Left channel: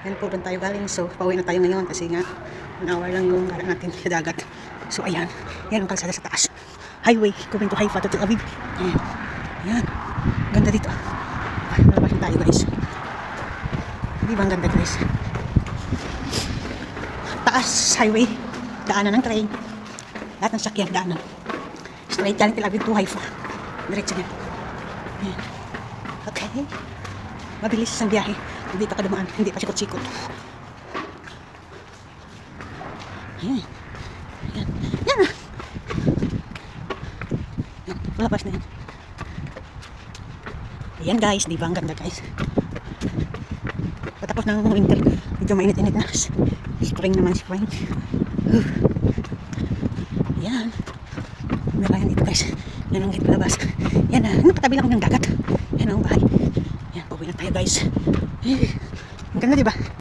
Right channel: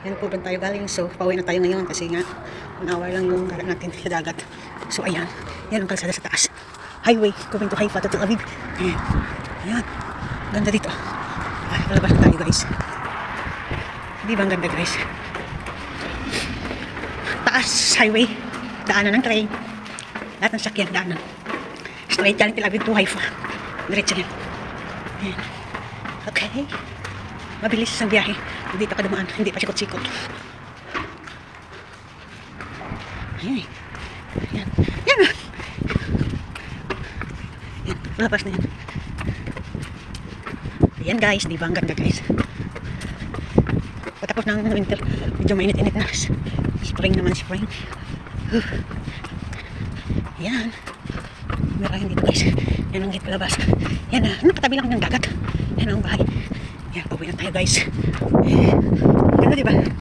Yan po doon tayo galing. So, pauwi na tayo ngayon kasi nga, unaway lang yung gara natin sa dagat. So, ayan. Yan ang kalsada sa taas. Highway, going to Haifa to Tel Aviv. Ayan. Ayan. Ganda dito. Ay, malabas na tayo guys. Di ba ang ganda guys? Taas, highway. Daanan ng train. Lahat ng sakyan, daanan. Straight galing Tel Aviv to Haifa. Diretso yan. Ayan. Okay. Mabilis ang biyahe. Hindi pa kadumaan. Hindi pa sikot-sikot. Ayan. Ayan. Ayan na. Ayan. Malabas na yan. Ayan guys. Di ba ang ganda guys? Patapos ng winter. Medyo mainit-init na. Spring naman. Spring. Ayan. Mirahin dito guys. Yan ang palabas. Yan na. Nakatabi lang ng dagat. Yan ang bahay. Yan. Pauwi na tayo guys. Eh. Ganda diba?